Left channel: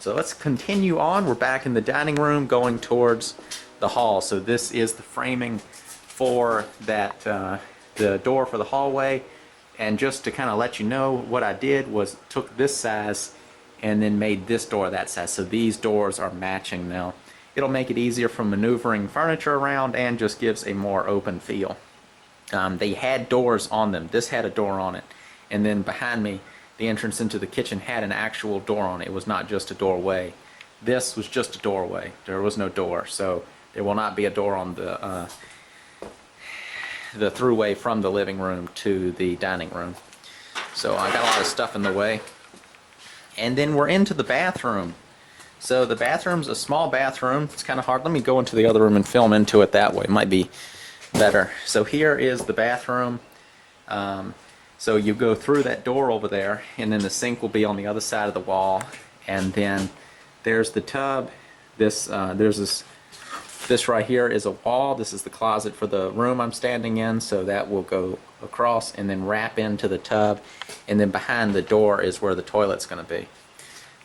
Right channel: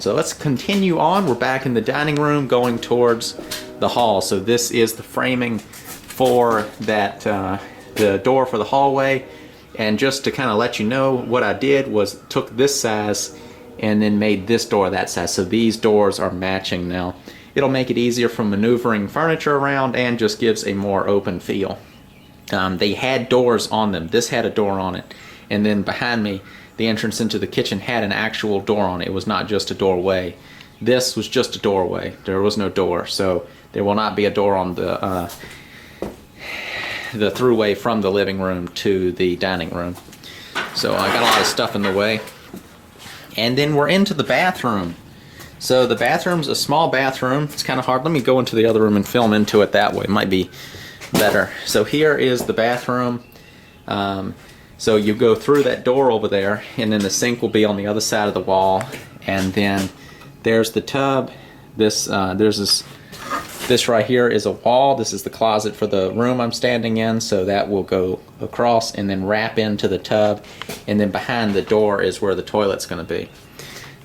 So let's continue on. We're back in the dining room going towards the hall. So this is the framing for that, the door for the hallway. And just to kind of let you know, what I did was took this size and then made this door that size. So these doors are matching now. It'll make it easier for maneuvering furniture around and just gives a more open feel. They had doors on them. This had a door on it. And then behind me, the entrance into the kitchen had an actual door on it. It was not just a doorway. This was just a doorway. There was no door. So there will not be a door on the throughway from the living room to the dining room. So I got a lot of stuff in the way. And then we're into the bathroom. So the bathroom's a small bathroom. It's kind of hard. Let me go into the other room and film into it that way. It might be better. So here is the bathroom. So you go through that door over there, and then the sink will be on the other side of the wall. And then there's the tub. This right here is a wall. This is the closet for the room I'm standing in. So that will go across and then wrap into the tub. And then behind the door is where the toilet's going to be.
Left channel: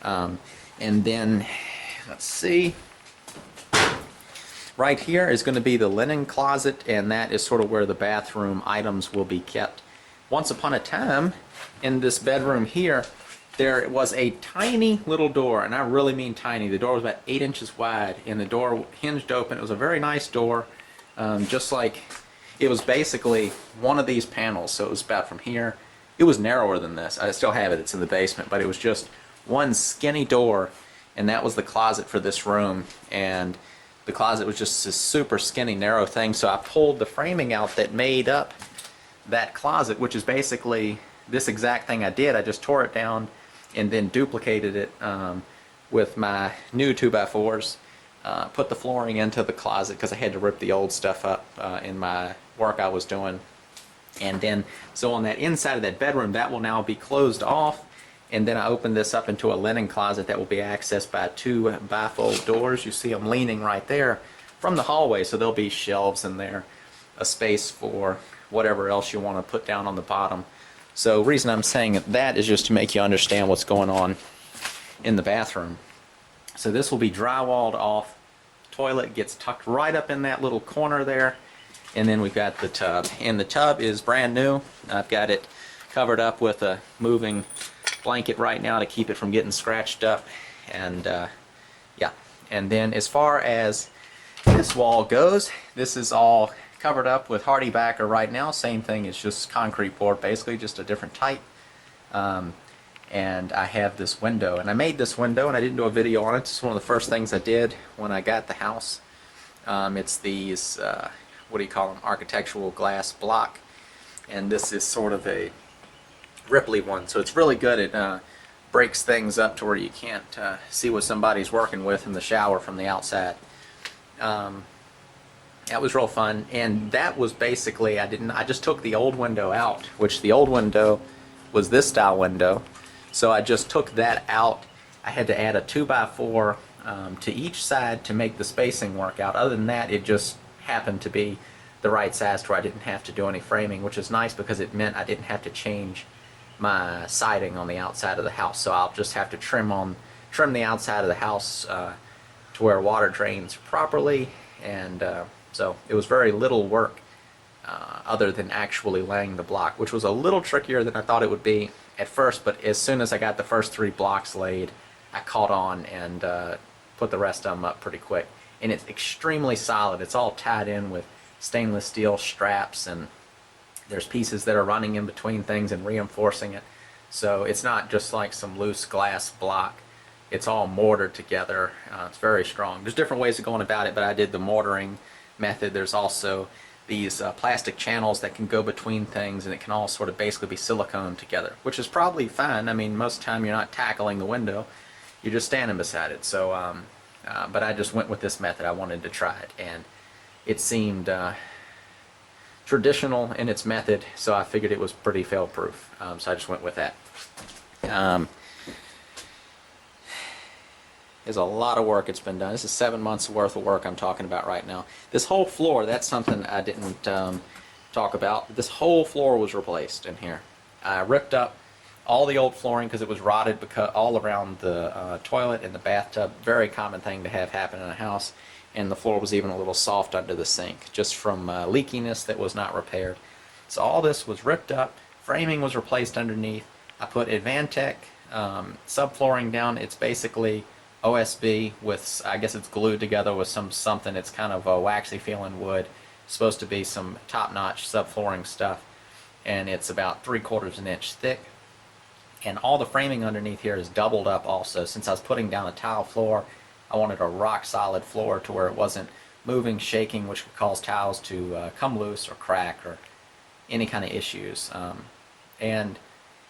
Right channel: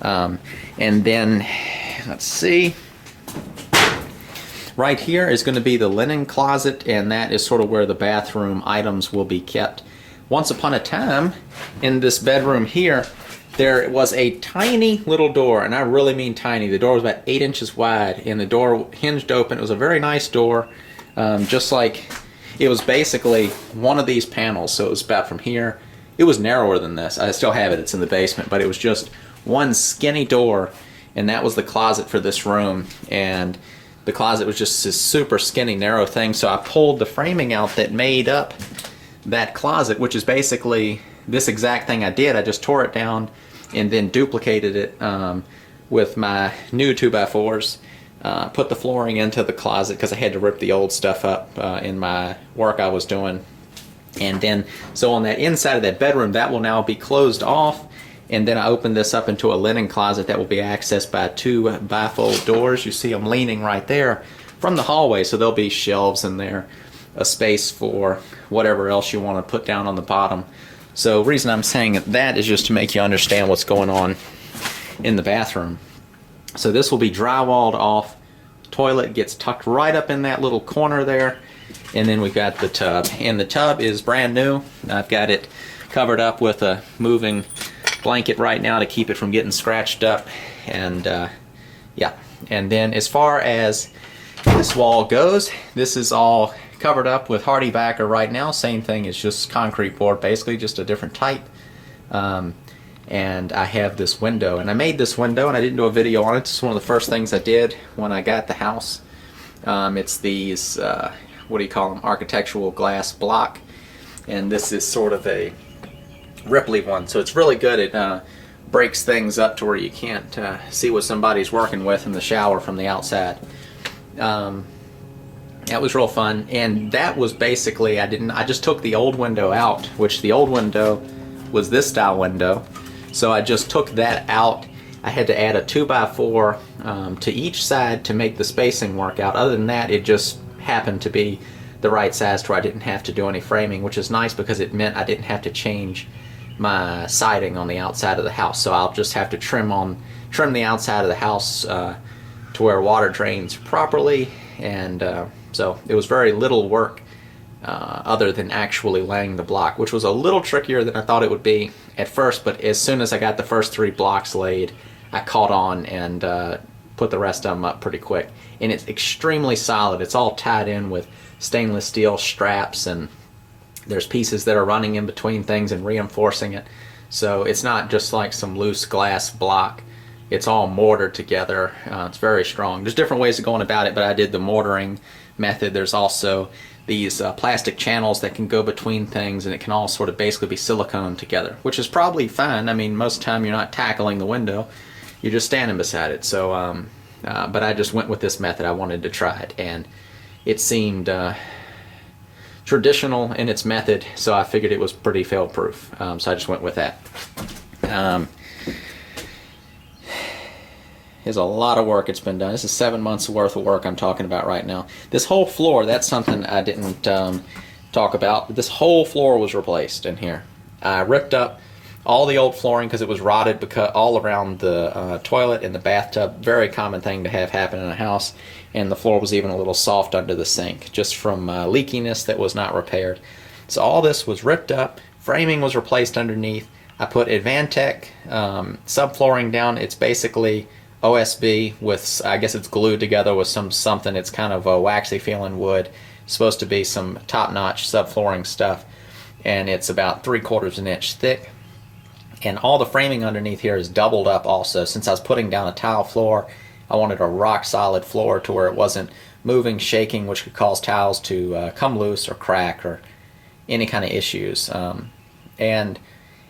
And then, let's see. Right here is going to be the linen closet, and that is sort of where the bathroom items will be kept. Once upon a time, in this bedroom here, there was a tiny little door, and I really mean tiny. The door was about 8 inches wide, and the door hinged open. It was a very nice door, just like it was basically one of these panels. So it was about from here. It was narrower than this. I still have it. It's in the basement, but it was just one skinny door, and that was the closet for this room. And the closet was just this super skinny, narrow thing. So I pulled the framing out that made up that closet, which is basically this exact thing I did. I just tore it down and then duplicated it with my new 2x4s. Put the flooring into the closet because I had to rip the old stuff up in my work I was doing. And then, so on that inside of that bedroom, that will now be closed off. And then I opened this up into a linen closet that will be accessed by 2 bifold doors. You see them leaning right there from the hallway, so there'll be shelves in there, a space for whatever else you want to put down on the bottom. So the reason I'm saying that is just to make you understand what's going on in the bathroom. So this will be drywalled off. Toilet gets tucked right up in that little corner there. And then we've got the tub. And the tub is brand new. I've got it covered up with a moving blanket right now to keep it from getting scratched up. And yeah. And then as far as this wall goes, this is all covered up with hardy backer right now. Same thing, it's just concrete board, basically just a different type. And I have this window, and I made this window and I didn't do a video on it. It's one of the first things I did when I got the house. It's these what do you call them, architectural glass block, and this is sort of a ripply one, so it's really good. It breaks things up to where you can't see what somebody's working with in the shower from the outside. That was real fun, and that was basically, I just took the old window out, which the old window was this style window, so I just took that out. I had to add a 2x4 to each side to make the spacing work out. Other than that, it just happened to be the right size to where I didn't have to do any framing, which is nice because it meant I didn't have to change my siding on the outside of the house. So I'll just have to trim the outside of the house to where water drains properly, and so it was very little work other than actually laying the block, which was a little trickier than I thought it would be at first, but as soon as I got the first 3 blocks laid, I caught on and put the rest of them up pretty quick. And it's extremely solid. It's all tied in with stainless steel straps, and there's pieces that are running in between things and reinforcing it. So it's not just like some loose glass block. It's all mortared together. It's very strong. There's different ways of going about it, but I did the mortaring method. There's also these plastic channels that can go between things, and it can all sort of basically be silicone together, which is probably fine. I mean, most of the time you're not tackling the window, you're just standing beside it. So, but I just went with this method. I wanted to try it, and it seemed traditional in its method, so I figured it was pretty fail-proof. So I just went with that. There's a lot of work that's been done. This is 7 months worth of work I'm talking about right now. This whole floor, that's something I didn't talk about. This whole floor was replaced in here. I ripped up all the old flooring because it was rotted because all around the toilet and the bathtub. Very common thing to have happen in a house. And the floor was even a little soft under the sink just from leakiness that was not repaired. So all this was ripped up. Framing was replaced underneath. I put Advantech subflooring down. It's basically OSB with, I guess it's glued together with something. It's kind of a waxy feeling wood. It's supposed to be some top-notch subflooring stuff. And it's about 3/4 inch thick. And all the framing underneath here is doubled up also. Since I was putting down a tile floor, I wanted a rock solid floor to where it wasn't moving, shaking, which could cause tiles to come loose or crack or any kind of issues. And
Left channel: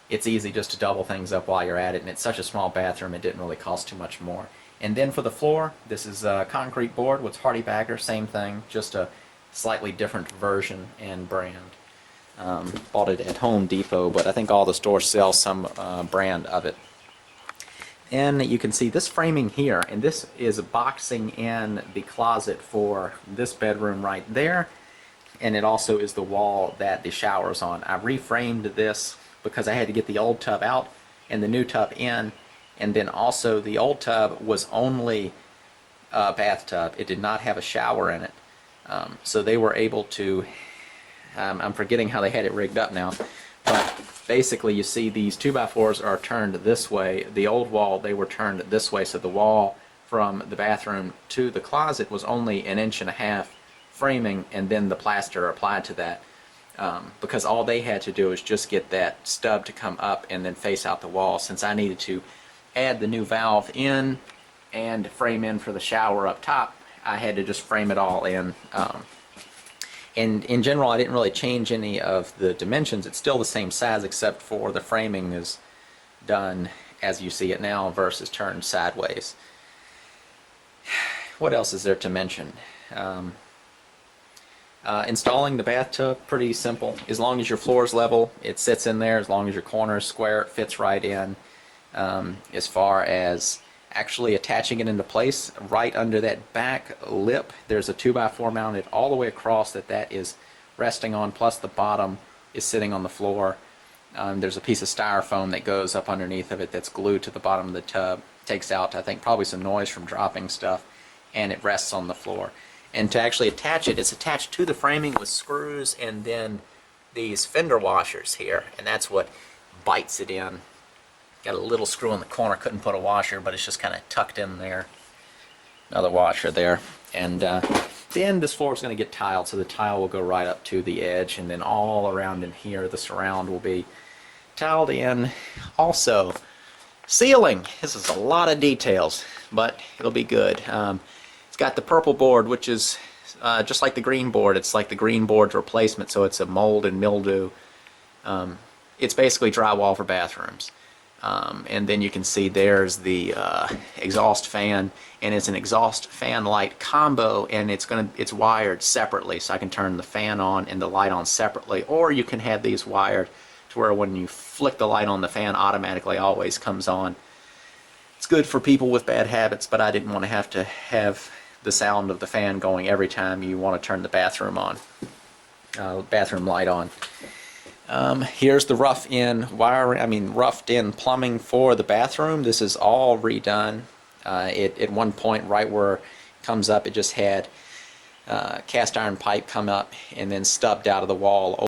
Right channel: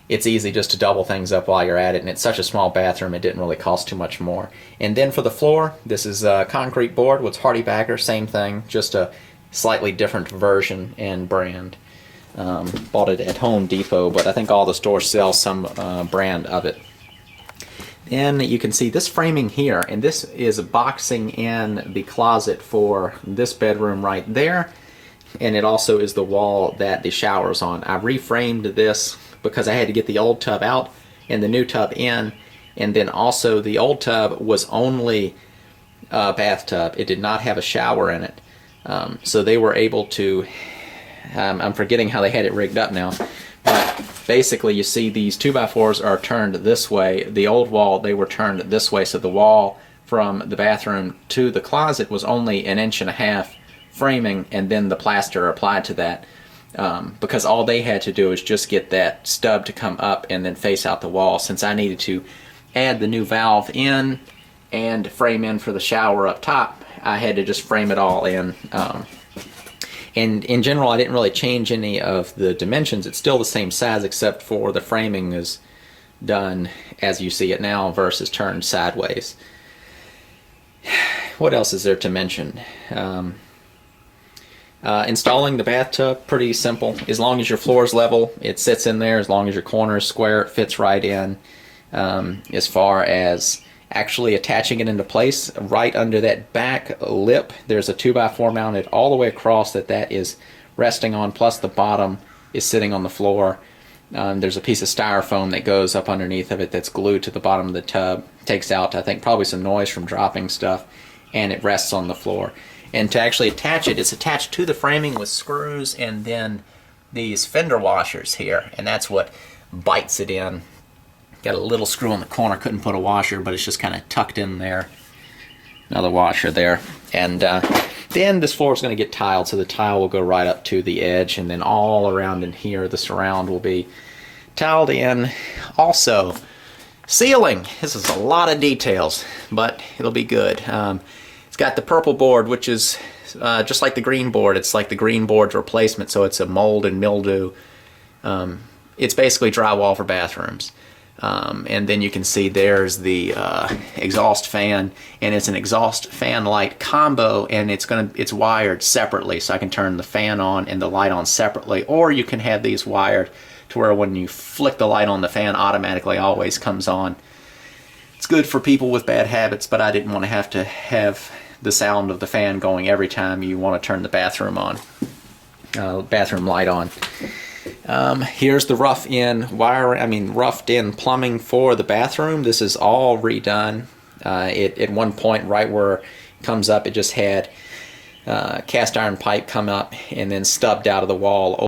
it's easy just to double things up while you're at it, and it's such a small bathroom it didn't really cost too much more. And then for the floor, this is a concrete board with Hardy Backer, same thing, just a slightly different version and brand. Bought it at Home Depot, but I think all the stores sell some brand of it. And you can see this framing here, and this is boxing in the closet for this bedroom right there, and it also is the wall that the shower's on. I reframed this because I had to get the old tub out and the new tub in, and then also the old tub was only a bathtub. It did not have a shower in it. So they were able to, I'm forgetting how they had it rigged up now, but basically you see these 2x4s are turned this way. The old wall, they were turned this way, so the wall from the bathroom to the closet was only 1.5 inch framing, and then the plaster applied to that. Because all they had to do is just get that stub to come up and then face out the wall. Since I needed to add the new valve in and frame in for the shower up top, I had to just frame it all in. And in general, I didn't really change any of the dimensions. It's still the same size, except for the framing is done as you see it now versus turned sideways. What else is there to mention? Installing the bathtub, pretty simple. As long as your floor is level, it sits in there. As long as your corner is square, it fits right in. As far as actually attaching it into place, right under that back lip, there's a 2x4 mounted all the way across that is resting on, plus the bottom is sitting on the floor. There's a piece of styrofoam that goes up underneath of it that's glued to the bottom of the tub. Takes out, I think, probably some noise from dropping stuff, and it rests on the floor. And to actually attach it, it's attached to the framing with screws and then these fender washers here, and that's what bites it in. Got a little screw in the corner, couldn't put a washer, but it's just kind of tucked in there. Another washer there. And then this floor is going to get tiled, so the tile will go right up to the edge, and then all around in here, the surround will be tiled in. Also, ceiling. This is a lot of details, but it'll be good. It's got the purple board, which is just like the green board. It's like the green board's replacement, so it's a mold and mildew. It's basically drywall for bathrooms. And then you can see there's the exhaust fan, and it's an exhaust fan light combo, and it's wired separately, so I can turn the fan on and the light on separately, or you can have these wired to where when you flick the light on, the fan automatically always comes on. It's good for people with bad habits, but I didn't want to have the sound of the fan going every time you want to turn the bathroom on, bathroom light on. Here's the roughed in plumbing for the bathroom. This is all redone. At one point, right where it comes up, it just had cast iron pipe come up and then stubbed out of the wall over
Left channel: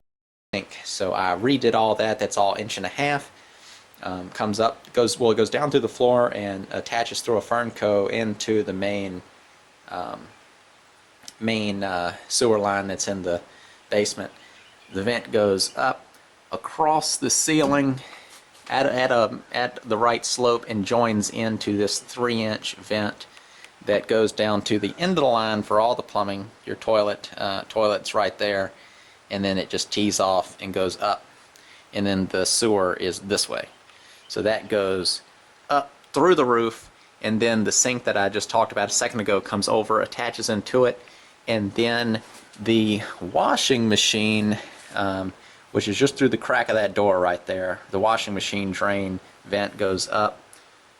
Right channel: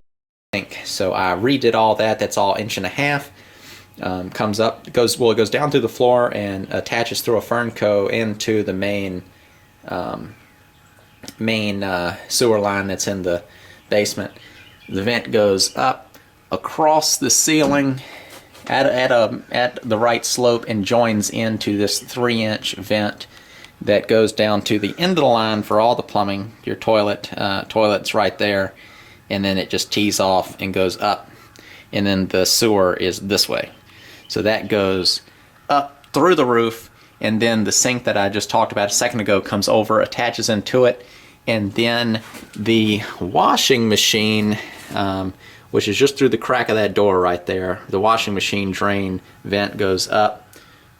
the sink. So I redid all that. That's all 1.5 inch. Comes up, it goes down through the floor and attaches through a Fernco into the main sewer line that's in the basement. The vent goes up across the ceiling at the right slope and joins into this 3-inch vent that goes down to the end of the line for all the plumbing. Your toilet's right there, and then it just tees off and goes up, and then the sewer is this way. So that goes up through the roof, and then the sink that I just talked about a second ago comes over, attaches into it, and then the washing machine, which is just through the crack of that door right there, the washing machine drain vent goes up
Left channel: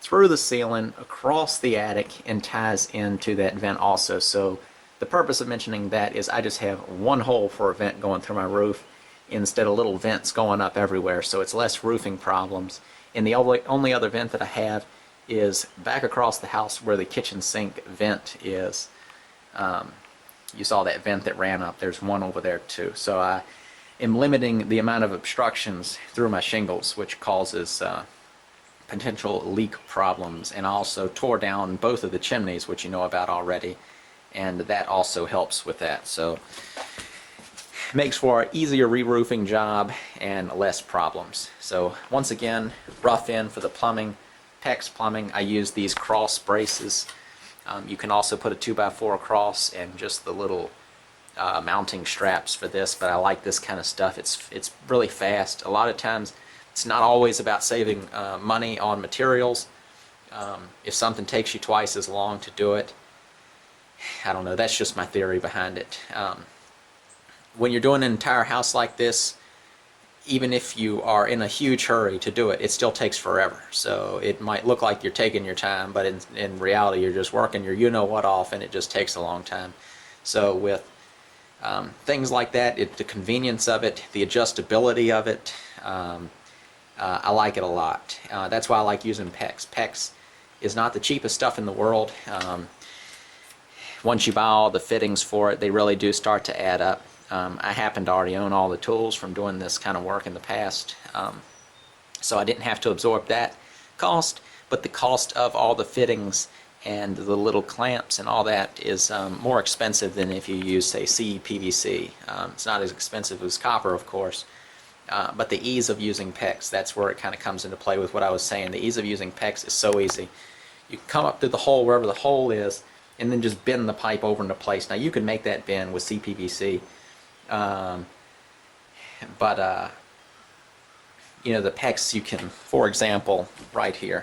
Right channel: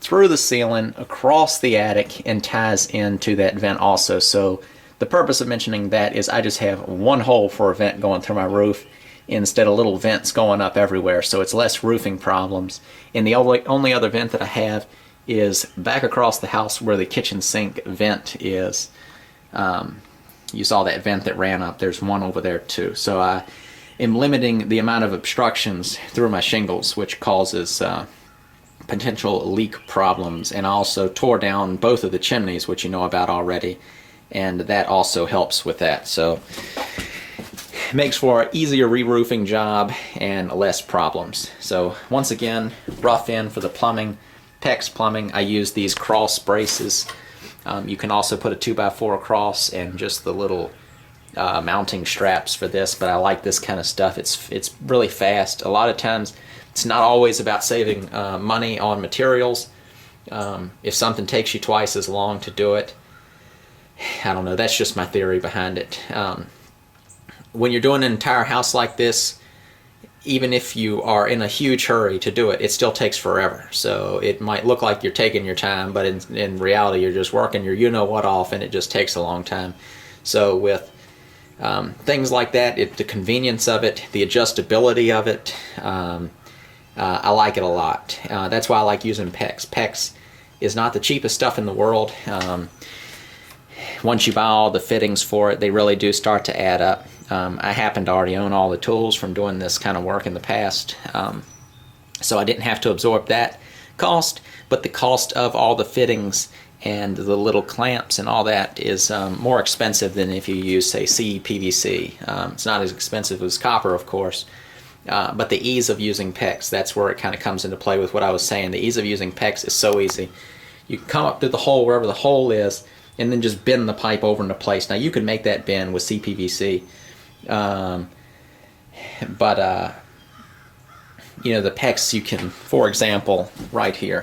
through the ceiling, across the attic, and ties into that vent also. So the purpose of mentioning that is I just have one hole for a vent going through my roof, instead of little vents going up everywhere, so it's less roofing problems. And the only other vent that I have is back across the house where the kitchen sink vent is. You saw that vent that ran up. There's one over there too. So I am limiting the amount of obstructions through my shingles, which causes potential leak problems. And I also tore down both of the chimneys, which you know about already, and that also helps with that. So it makes for an easier re-roofing job and less problems. So once again, rough in for the plumbing. PEX plumbing, I use these cross braces. You can also put a 2x4 across and just the little mounting straps for this, but I like this kind of stuff. It's really fast. A lot of times it's not always about saving money on materials. If something takes you twice as long to do it, I don't know, that's just my theory behind it. When you're doing an entire house like this, even if you are in a huge hurry to do it, it still takes forever. So it might look like you're taking your time, but in reality you're just working your you-know-what off, and it just takes a long time. So with things like that, the convenience of it, the adjustability of it, I like it a lot. That's why I like using PEX. PEX is not the cheapest stuff in the world. Once you buy all the fittings for it, they really do start to add up. I happen to already own all the tools from doing this kind of work in the past, so I didn't have to absorb that cost, but the cost of all the fittings and the little clamps and all that is more expensive than if you use, say, CPVC. It's not as expensive as copper, of course, but the ease of using PEX, that's where it kind of comes into play with what I was saying. The ease of using PEX is so easy. You come up to the hole wherever the hole is, and then just bend the pipe over into place. Now you can make that bend with CPVC, but you know, the PEX, you can, for example, right here,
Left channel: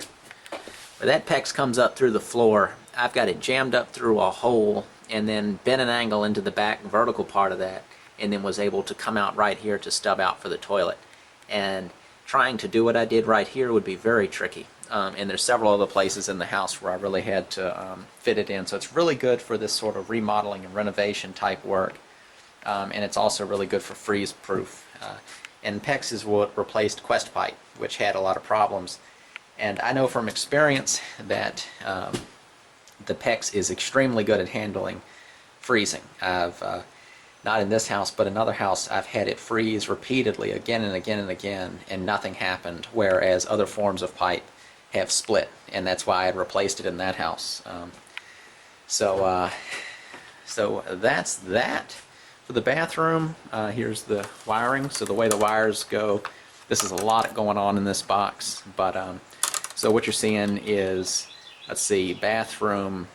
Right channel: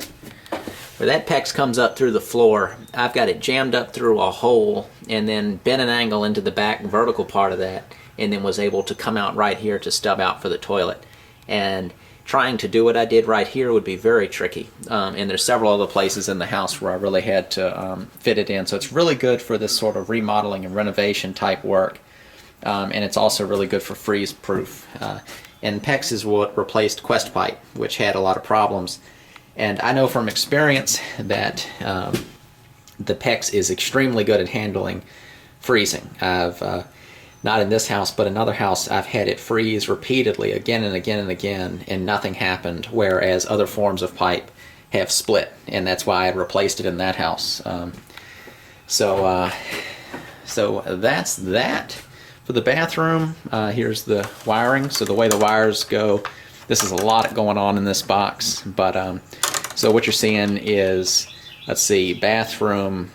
where that PEX comes up through the floor, I've got it jammed up through a hole and then bent an angle into the back vertical part of that, and then was able to come out right here to stub out for the toilet. And trying to do what I did right here would be very tricky. And there's several other places in the house where I really had to fit it in. So it's really good for this sort of remodeling and renovation type work. And it's also really good for freeze proof. And PEX is what replaced Quest Pipe, which had a lot of problems. And I know from experience that the PEX is extremely good at handling freezing. I've not in this house, but another house, I've had it freeze repeatedly again and again and again, and nothing happened, whereas other forms of pipe have split, and that's why I replaced it in that house. So that's that for the bathroom. Here's the wiring. So the way the wires go, this is a lot going on in this box, but so what you're seeing is, let's see, bathroom,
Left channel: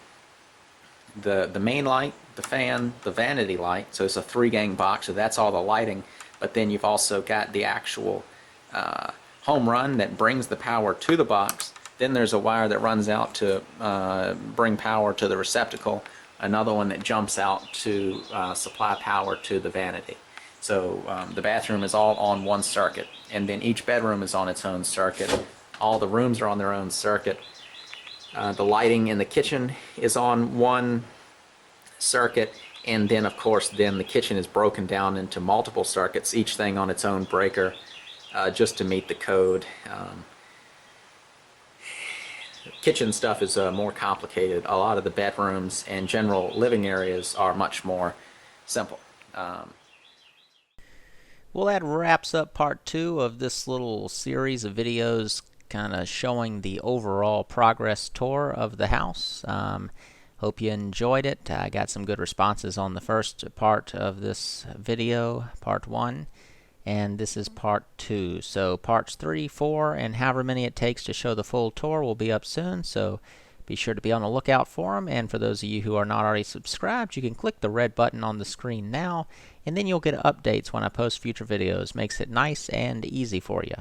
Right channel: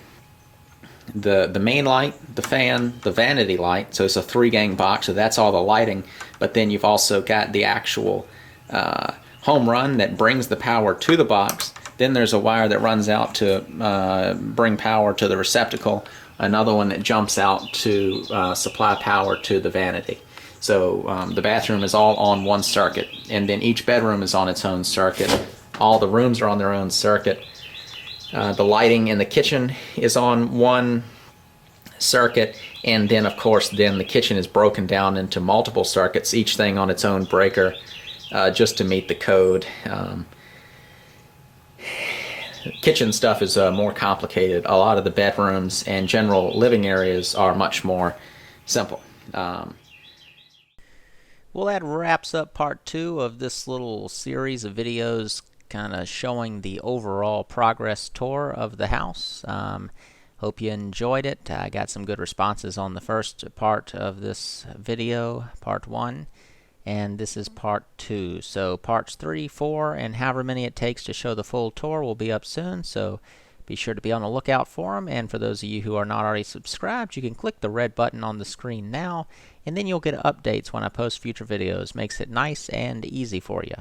the main light, the fan, the vanity light, so it's a 3-gang box, so that's all the lighting, but then you've also got the actual home run that brings the power to the box. Then there's a wire that runs out to bring power to the receptacle, another one that jumps out to supply power to the vanity. So the bathroom is all on one circuit, and then each bedroom is on its own circuit. All the rooms are on their own circuit. The lighting in the kitchen is on one circuit, and then of course then the kitchen is broken down into multiple circuits, each thing on its own breaker, just to meet the code. Kitchen stuff is more complicated. A lot of the bedrooms and general living areas are much more simple. Well, that wraps up part 2 of this little series of videos kind of showing the overall progress tour of the house. Hope you enjoyed it. I got some good responses on the first part of this video, part 1, and this is part 2. So parts 3, 4, and however many it takes to show the full tour will be up soon, so be sure to be on the lookout for them. And for those of you who are not already subscribed, you can click the red button on the screen now, and then you'll get updates when I post future videos. Makes it nice and easy for you.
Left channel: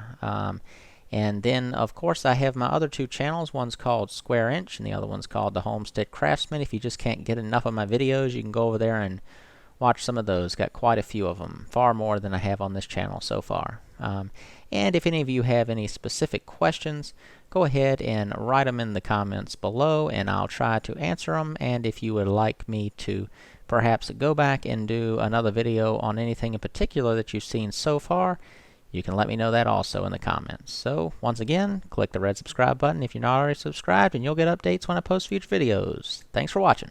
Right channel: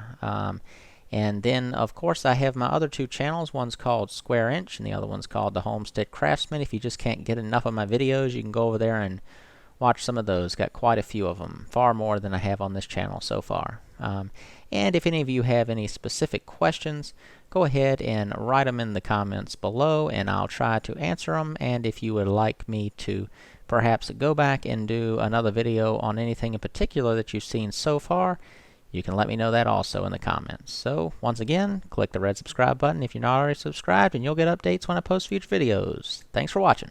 And then, of course, I have my other 2 channels. One's called Square Inch, and the other one's called The Homestead Craftsman. If you just can't get enough of my videos, you can go over there and watch some of those. Got quite a few of them, far more than I have on this channel so far. And if any of you have any specific questions, go ahead and write them in the comments below, and I'll try to answer them. And if you would like me to perhaps go back and do another video on anything in particular that you've seen so far, you can let me know that also in the comments. So, once again, click the red subscribe button if you're not already subscribed, and you'll get updates when I post future videos. Thanks for watching.